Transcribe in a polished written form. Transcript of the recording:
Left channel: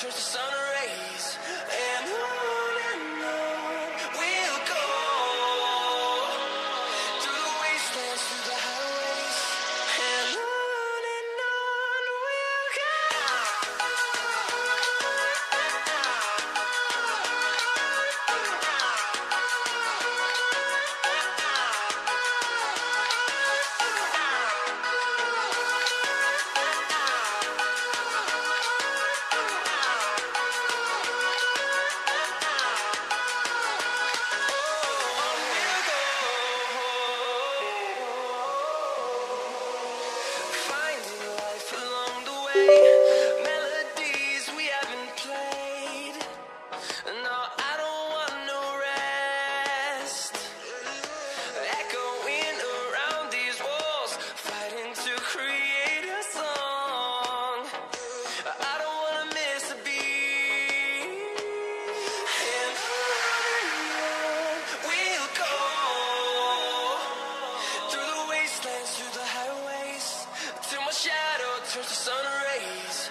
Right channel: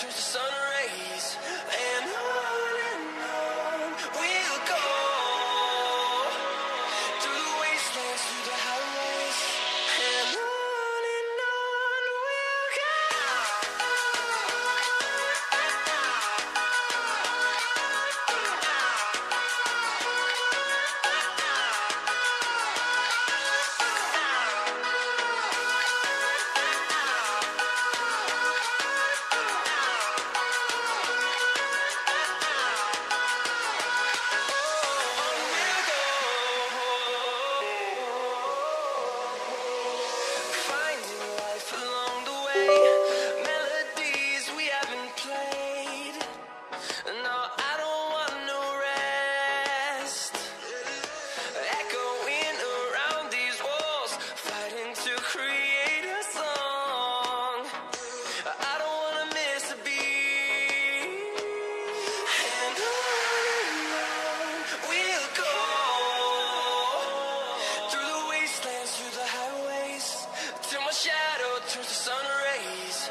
turns to sun rays, and on we'll go through the wastelands, through the highways, and on we'll go. Melodies we haven't played. No, I don't want no rest. Echoing around these walls, fighting to create a song. I don't wanna miss a beat. And on we'll go through the wastelands, through the highways, till my shadow turns to sun rays.